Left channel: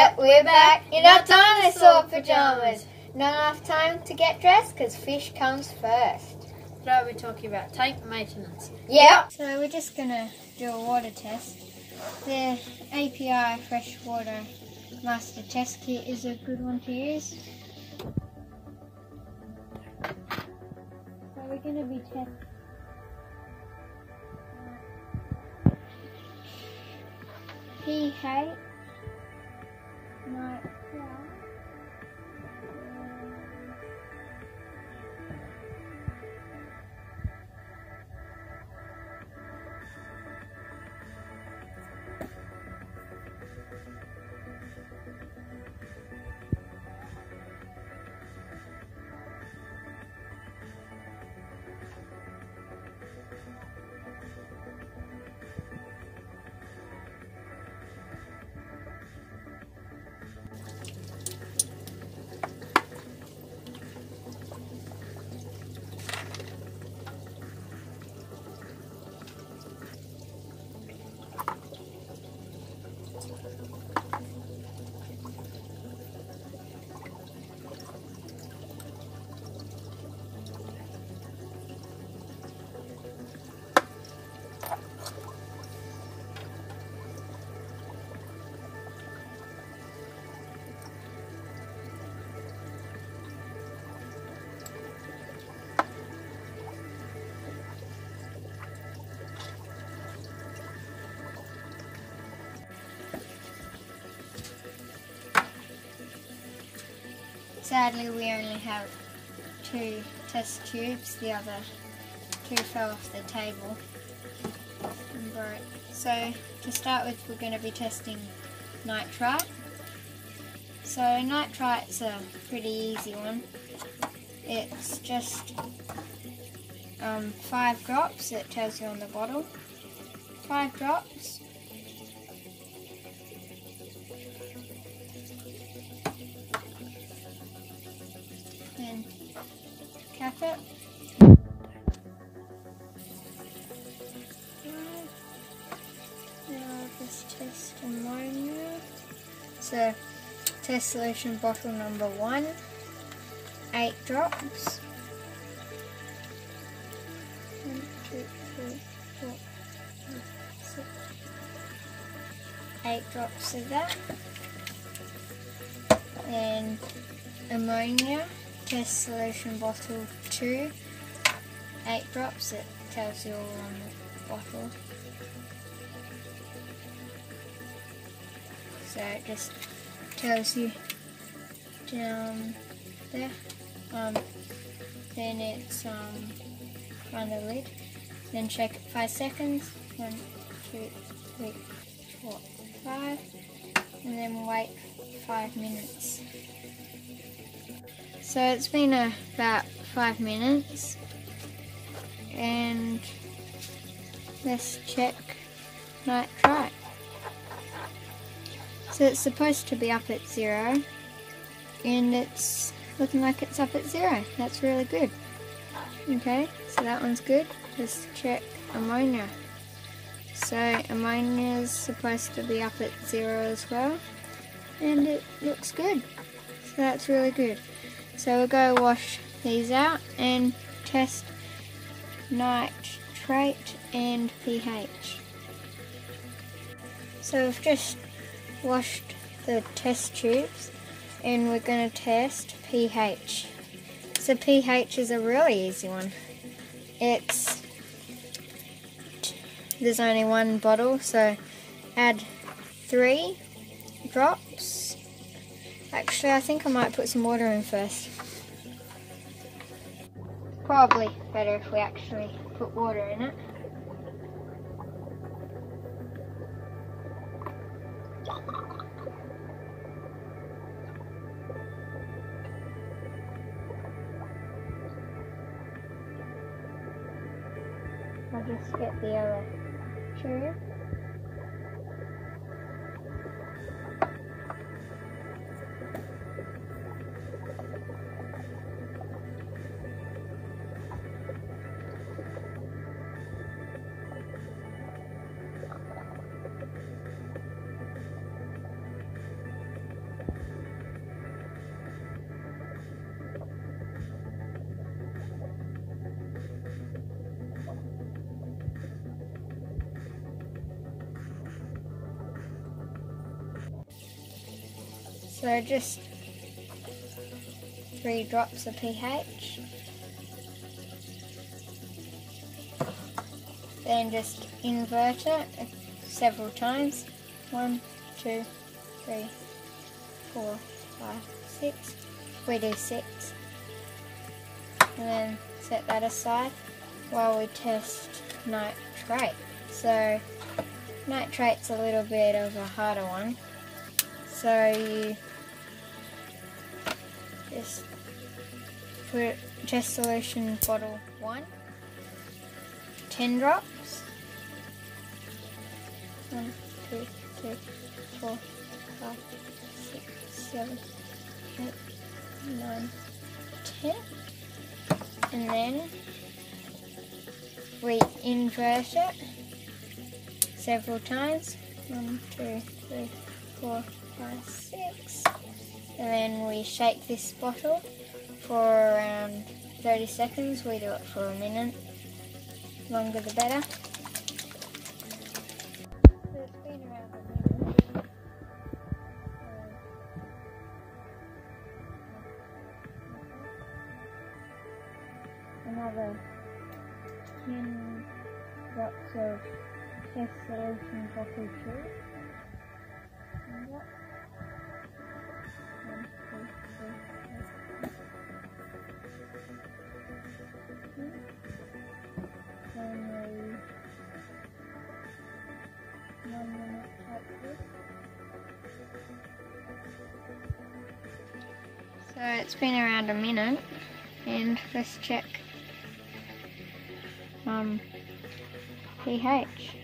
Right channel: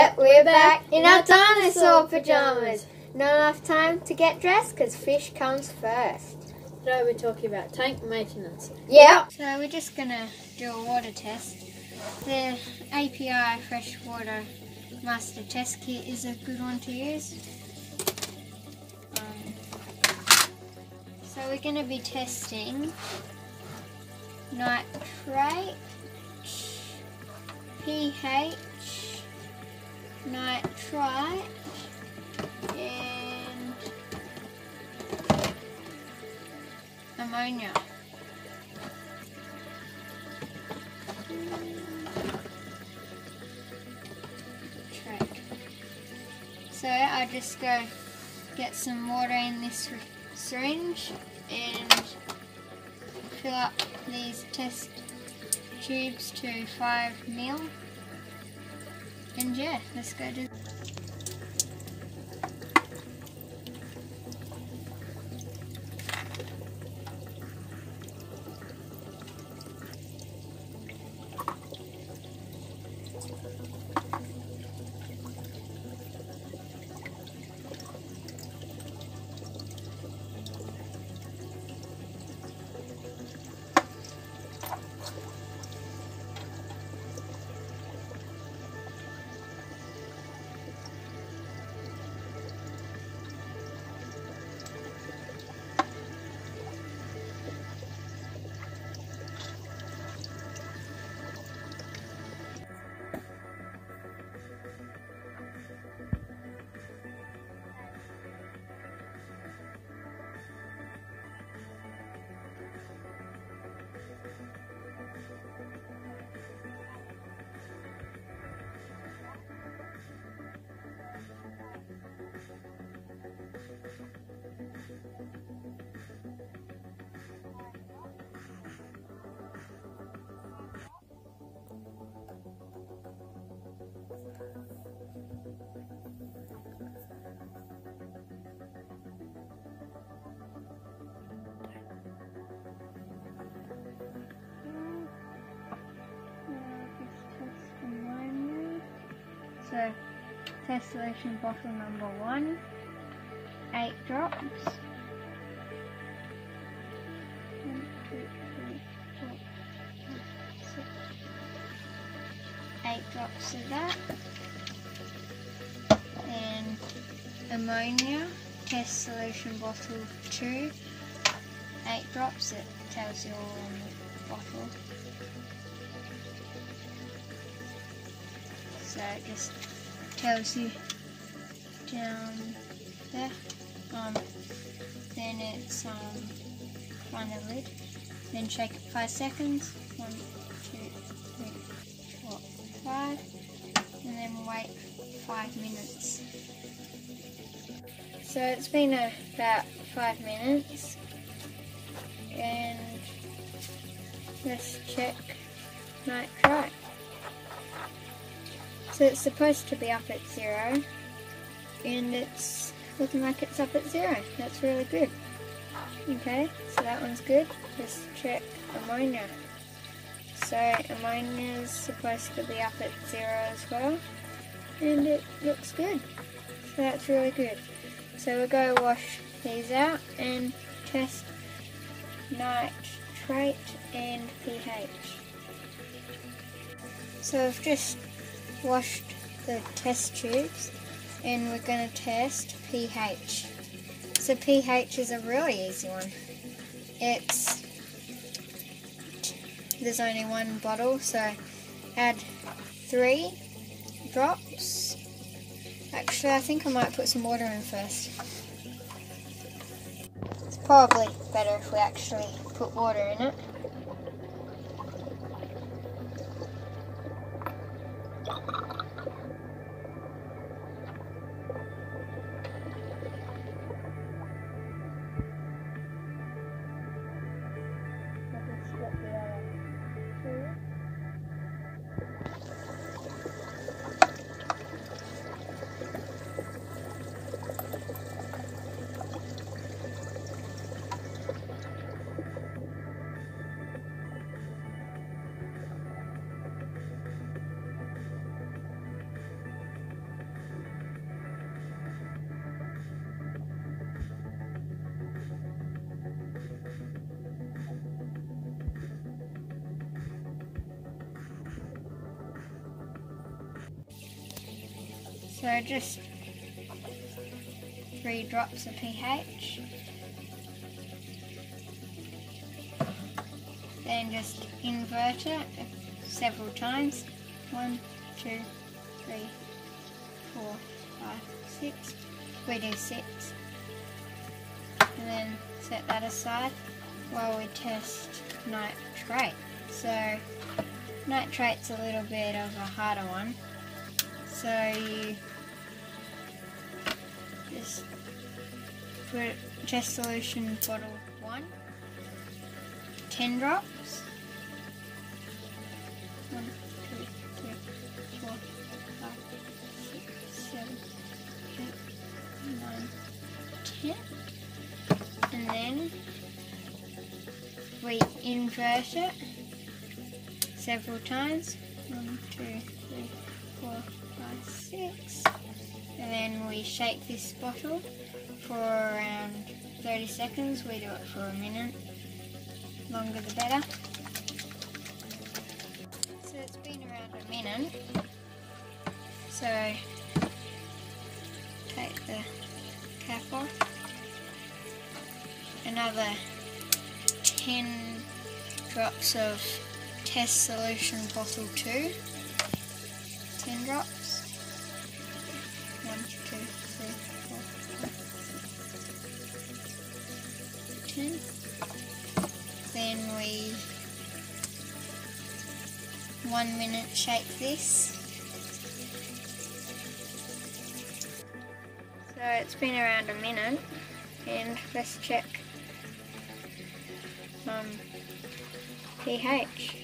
Yep, we're back in our dinosaur pajamas. Not enough time to get dressed because fish comes first. Today we're talking about tank maintenance. Yep. So we're just going to do a water test. The API Freshwater Master Test Kit is a good one to use. So we're going to be testing nitrate, pH, nitrite, and ammonia. So I just go get some water in this syringe and fill up these test tubes to 5 ml. And yeah, let's go do Sadly, we only have 2 test tubes. The other 2 fell off the table. So to start with, we're going to be testing nitrite. So nitrite's a pretty easy one. It's just 5 drops. It tells you on the bottle. 5 drops. Cap it. Now just test ammonia. So test solution bottle number 1, 8 drops. 1, 2, 3, 4, 5, 6. 8 drops of that. And ammonia. Test solution bottle 2, 8 drops. It tells you all on the bottle. So it just tells you down there. Then it's find the lid. Then shake it 5 seconds. 1, 2, 3, 4, 5. And then wait 5 minutes. So it's been about 5 minutes, and let's check nitrite. So it's supposed to be up at 0, and it's looking like it's up at 0. That's really good. Okay, so that one's good. Let's check ammonia. So ammonia is supposed to be up at 0 as well, and it looks good. So that's really good. So we'll go wash these out and test nitrate and pH. So we've just washed the test tubes and we're going to test pH. So pH is a really easy one. There's only 1 bottle, so add 3 drops. Actually, I think I might put some water in first. It's probably better if we actually put water in it. I'll just get the other tube. So just 3 drops of pH. Then just invert it several times. 1, 2, 3, 4, 5, 6. We do 6. And then set that aside while we test nitrate. So nitrate's a little bit of a harder one. So you just put test solution bottle 1, 10 drops. 1, 2, 3, 4, 5, 6, 7, 8, 9, 10. And then we invert it several times. 1, 2, 3, 4, 5, 6. And then we shake this bottle for around 30 seconds. We do it for a minute. Longer the better. So it's been around a minute. So take the cap off. Another 10 drops of test solution bottle 2. 10 drops. 1, 2, 3, 4, 5, 10. Then we 1 minute shake this. So it's been around a minute, and let's check pH.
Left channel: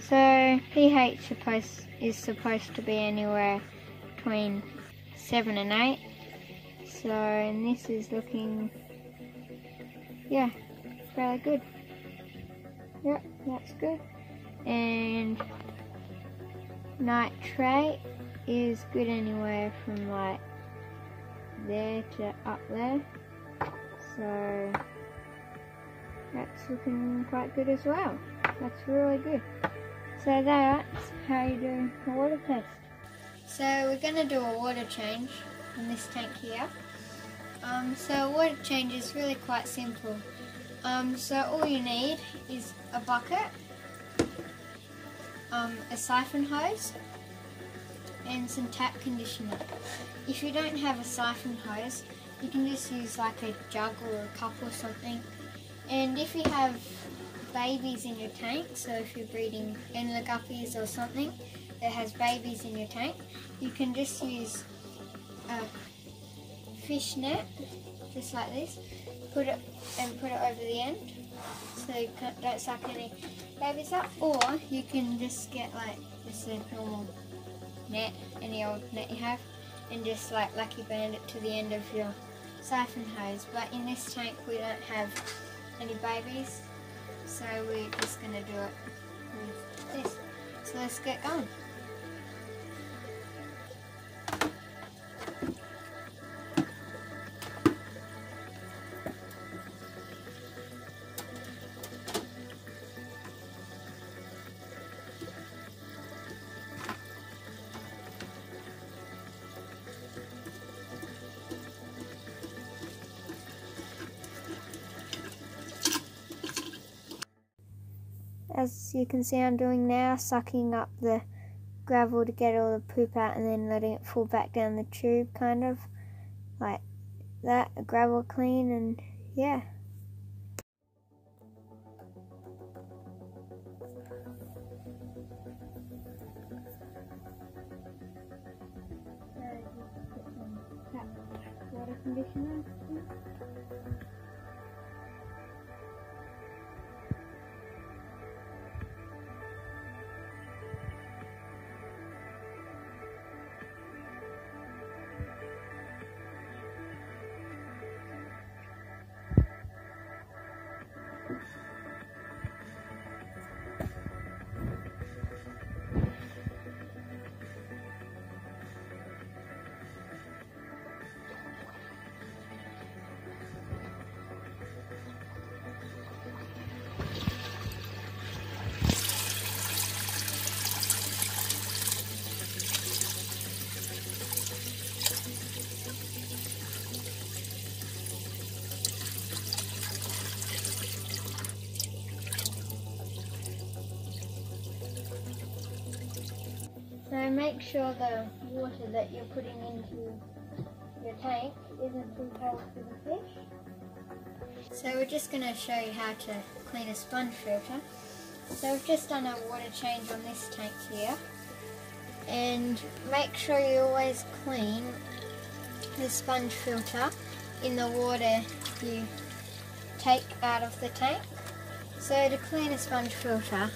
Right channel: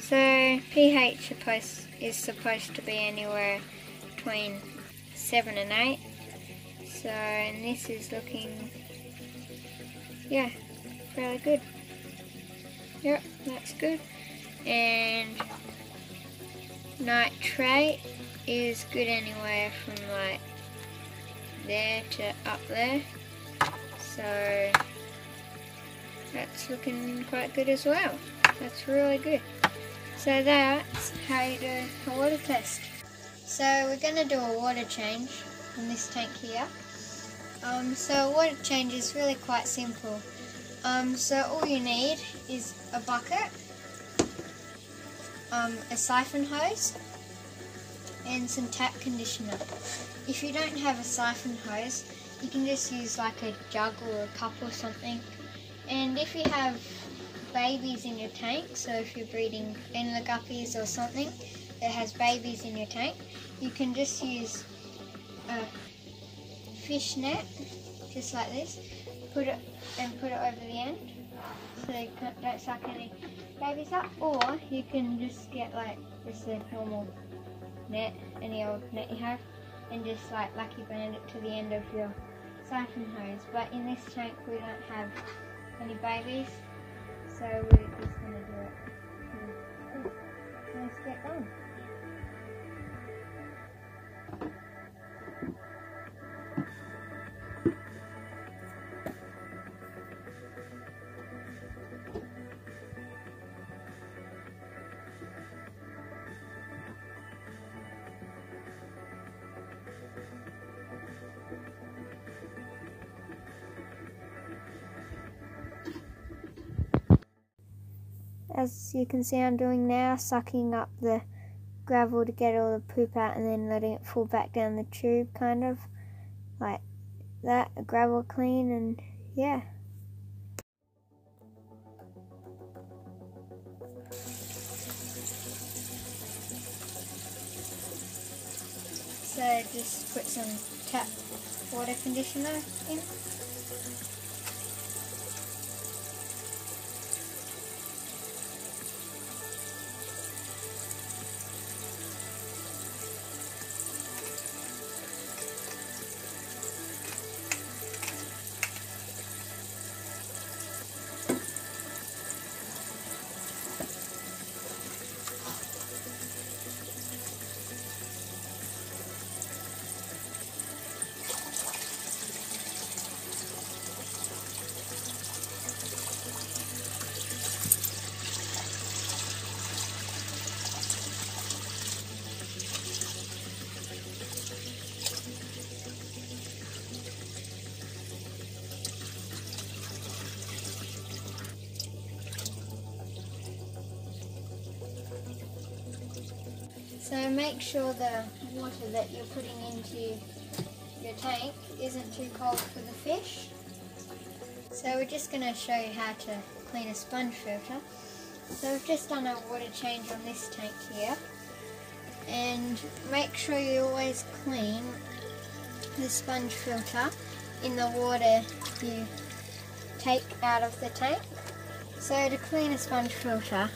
So pH is supposed to be anywhere between 7 and 8. So, and this is looking, yeah, really good. Yep, that's good. And nitrate is good anywhere from like there to up there. So that's looking quite good as well. That's really good. So that's how you do a water test. So we're going to do a water change in this tank here. So a water change is really quite simple. So all you need is a bucket, a siphon hose, and some tap conditioner. If you don't have a siphon hose, you can just use like a jug or a cup or something. And if you have babies in your tank, so if you're breeding Bengal guppies or something that has babies in your tank, you can just use a fish net, just like this, put it over the end so you don't suck any babies up, or you can just get like just a normal net, any old net you have, and just like lucky band it to the end of your siphon hose. But in this tank we don't have any babies, so we're just going to do it with this. So let's get going. As you can see, I'm doing now, sucking up the gravel to get all the poop out and then letting it fall back down the tube, kind of like that, a gravel clean, and yeah. So just put some tap water conditioner in. So make sure the water that you're putting into your tank isn't too cold for the fish. So we're just going to show you how to clean a sponge filter. So we've just done a water change on this tank here, and make sure you always clean the sponge filter in the water you take out of the tank. So to clean a sponge filter,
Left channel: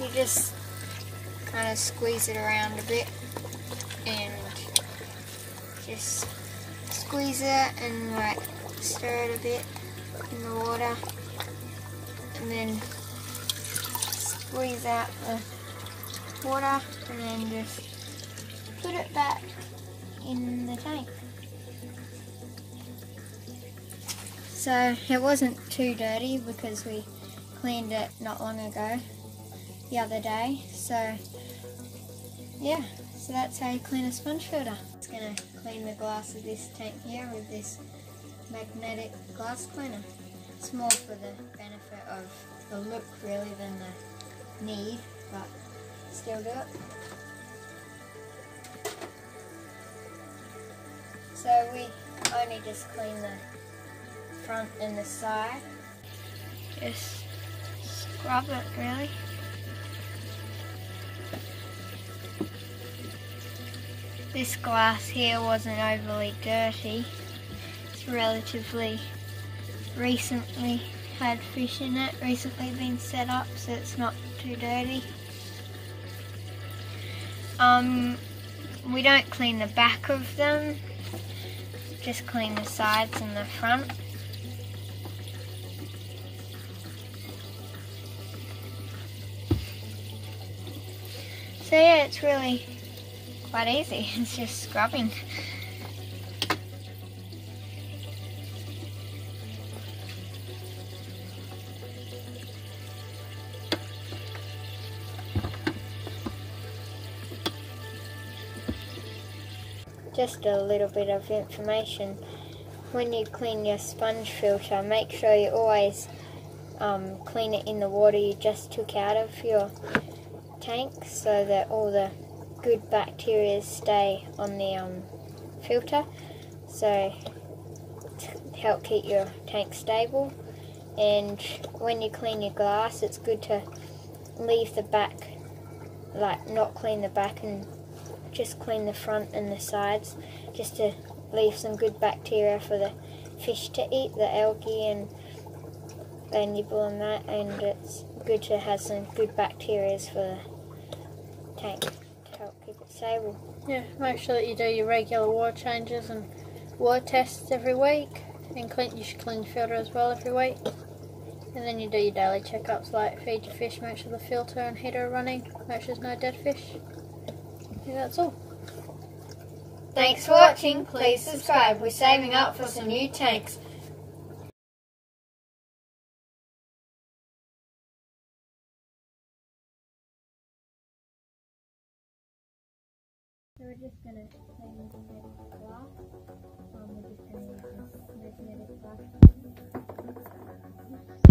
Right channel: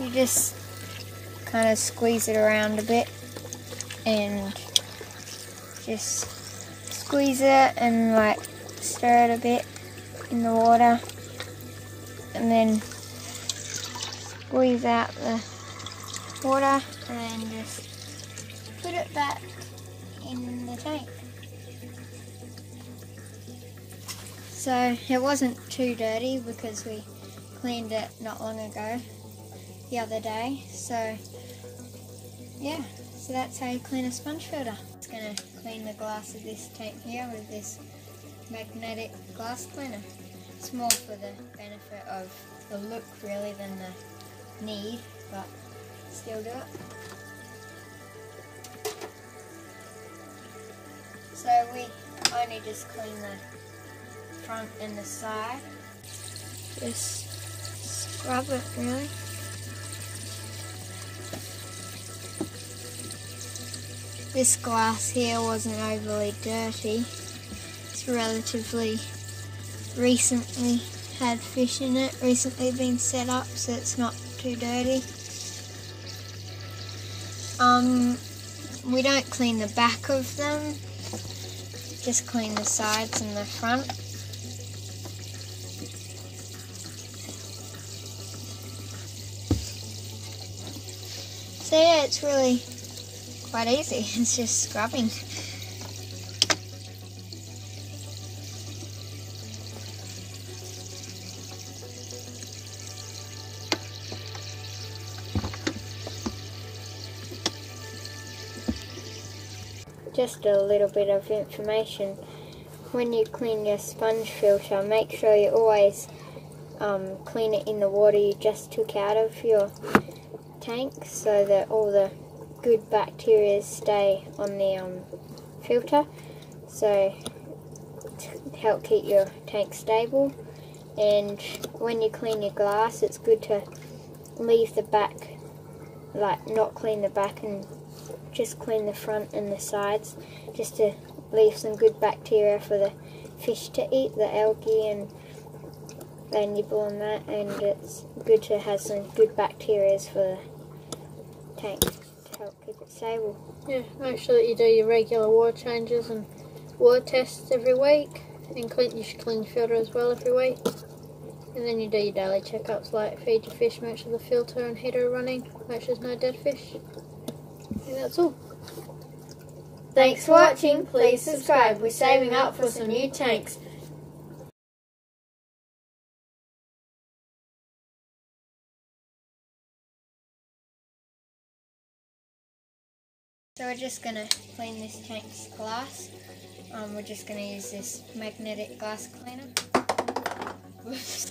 you just kind of squeeze it around a bit and just squeeze it and like stir it a bit in the water, and then squeeze out the water and then just put it back in the tank. So it wasn't too dirty because we cleaned it not long ago, the other day. So yeah, so that's how you clean a sponge filter. It's going to clean the glass of this tank here with this magnetic glass cleaner. It's more for the benefit of the look really than the need, but still do it. So we only just clean the front and the side. Just scrub it really. This glass here wasn't overly dirty. It's relatively recently had fish in it, recently been set up, so it's not too dirty. We don't clean the back of them, just clean the sides and the front. So yeah, it's really quite easy. It's just scrubbing. Just a little bit of information. When you clean your sponge filter, make sure you always clean it in the water you just took out of your tank, so that all the good bacteria stay on the filter, so to help keep your tank stable. And when you clean your glass, it's good to leave the back, like not clean the back and just clean the front and the sides, just to leave some good bacteria for the fish to eat, the algae, and they nibble on that, and it's good to have some good bacteria for the tank to help keep it stable. Yeah, make sure that you do your regular water changes and water tests every week, and you should clean the filter as well every week. And then you do your daily checkups, like feed your fish, make sure the filter and heater are running, make sure there's no dead fish. And that's all. Thanks for watching. Please subscribe. We're saving up for some new tanks. So we're just going to clean this tank's glass. We're just going to use this magnetic glass cleaner. Oops.